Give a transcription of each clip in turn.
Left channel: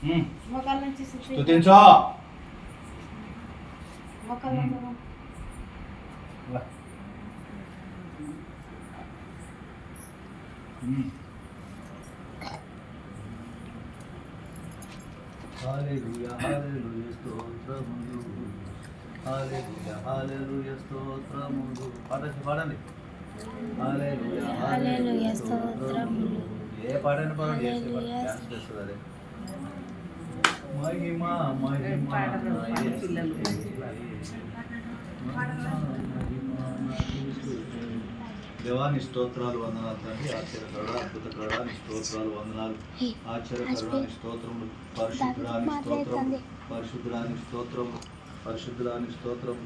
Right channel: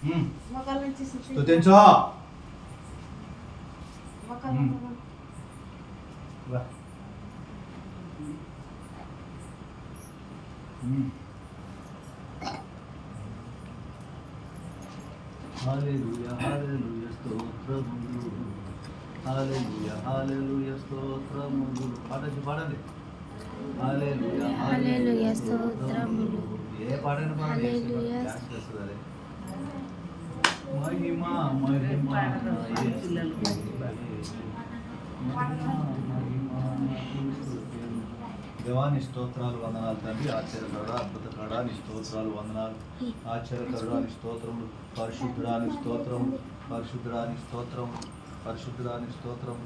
స్తుతించు. హల్లెలూయా హల్లెలూయా స్తోత్రములు, హల్లెలూయా హల్లెలూయా స్తోత్రములు. పాడండి. హల్లెలూయా హల్లెలూయా స్తోత్రములు. ఏ పాడండి హల్లెలూయా. మహిమ మహిమ దేవాని స్తోత్రాలు వందనాలు తండ్రి. ఆశ్చర్యకరుడా అద్భుతకరుడా నీ స్తోత్రాలు వందనాలు. ఆశ్చర్యకరుడా నీ స్తోత్రములు. పరిశుద్ధుడాని స్తోత్రము, పరిశుద్ధుడాని స్తోత్రం, పరిశుద్ధుడాని స్తోత్రం,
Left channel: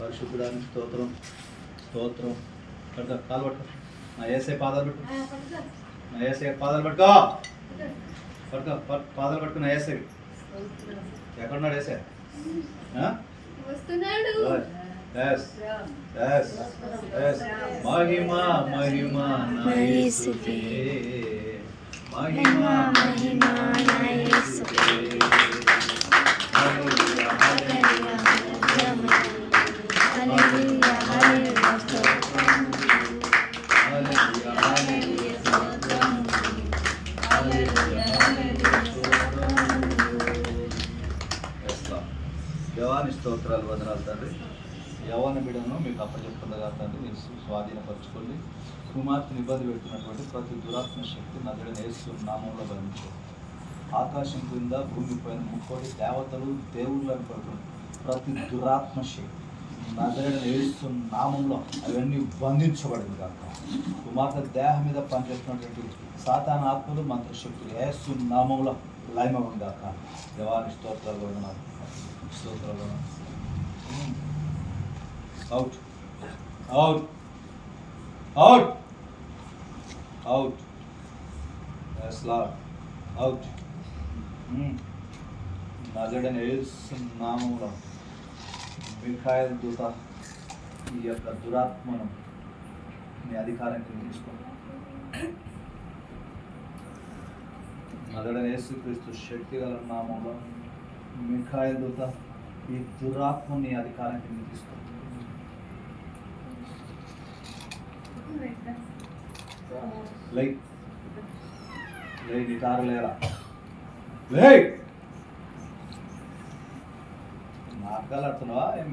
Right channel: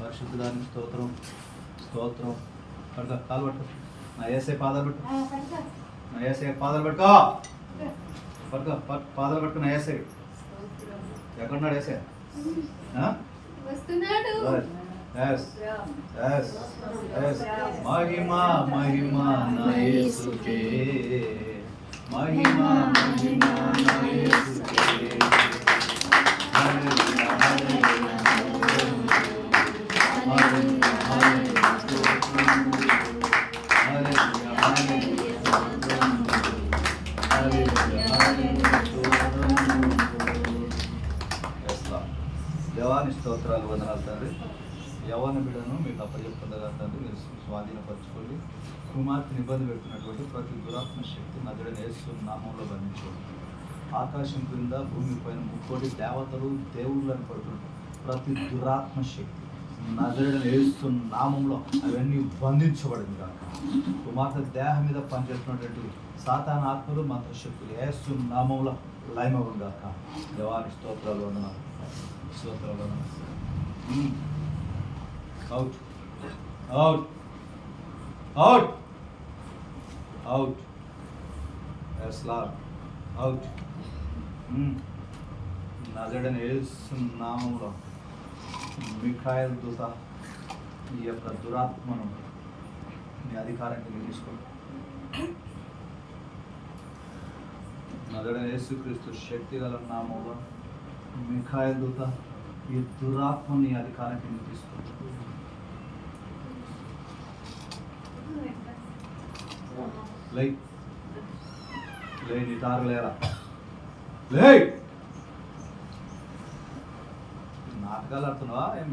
పరిశుద్ధుడాని స్తోత్రం. స్తోత్రం. పడుకో, కాలు పట్టుకో. నా ఏసై పాదాలు పట్టు. నా ఏసై పాదాలు పట్టుకో. పడుకో, పాదాలు పట్టుకో. నా ఏసై ఎక్కడున్నాడు? ఏసై మహిమ మహిమ నా యేసుకే, మహిమ మహిమ నా యేసుకే. హల్లెలూయా హల్లెలూయా హల్లెలూయా హల్లెలూయా స్తోత్రం, హల్లెలూయా హల్లెలూయా స్తోత్రం, హల్లెలూయా హల్లెలూయా స్తోత్రం. దేవాని స్తోత్రాలు వందనాలు తండ్రి. యవ్వన బిడ్డను మీకు అప్పచెప్పుకుండగా తండ్రి మీరు స్వాధీనపరచుకోండి. కుమార్తెను ఇబ్బంది పెడుతున్నటువంటి ప్రతి దురాత్మ శక్తి నజరుడైన యేసు నామంలో బంధించండి. ఆకాశం క్రింద భూమి పైన ముక్కోటి దేవతలు దేవుళ్ళని పడుతుంది ప్రతి దురాత్మ శక్తి నజరుడైన యేసు నామంలో అవన్నీ బంధించబడింది కాక. కుమార్తె దేహం మీద పనిచేస్తున్నటువంటి సాతాన ఆత్మలు మంత్రశక్తులు యేసు నామంలో లయమవం కాక. దేవాని స్తోత్రాలు వందనాలు, స్తోత్రాలు వందనాలు. Out. Out. Out. Out. Yes, Lord. Out. నజరుడైన యేసు నామములో మిఖాయేలు దూత ఈ యొక్క దురాత్మను మీ అధికారం కింద తీసుకోండి. నజరుడైన యేసుక్రీస్తు శక్తి గల నామంలో మిఖాయేలు దూత ఈ దురాత్మని నీ అధికారం కింద తీసుకోండి. లై నిటారు లేరా, లే. నాటకాలు ఆడుతున్నావా ఏం?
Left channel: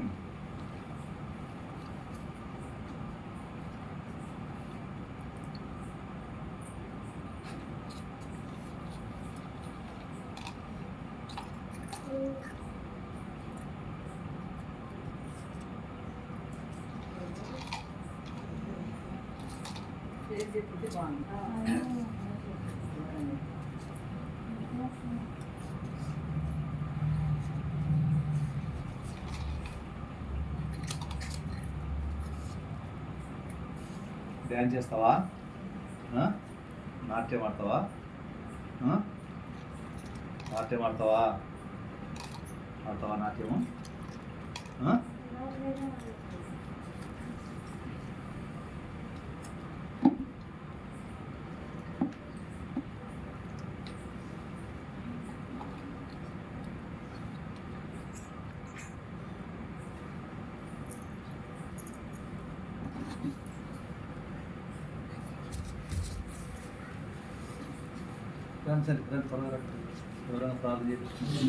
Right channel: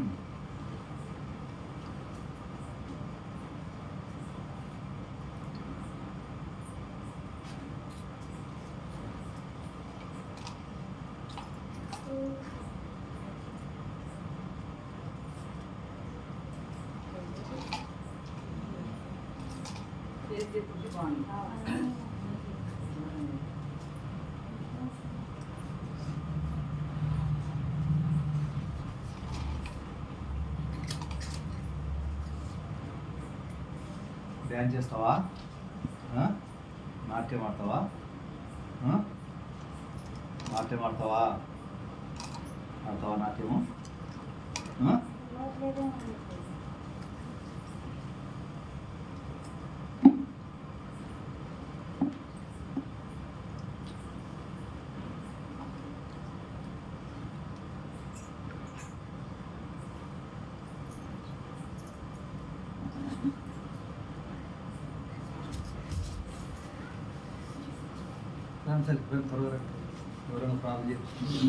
డ్యాన్స్ చేస్తావా? నాట్యం ఆడతావా? నాట్యం ఆడతావా? ఆడతావా నాట్యము? త్వరగా ఎవరైనా ప్రార్థన చేసి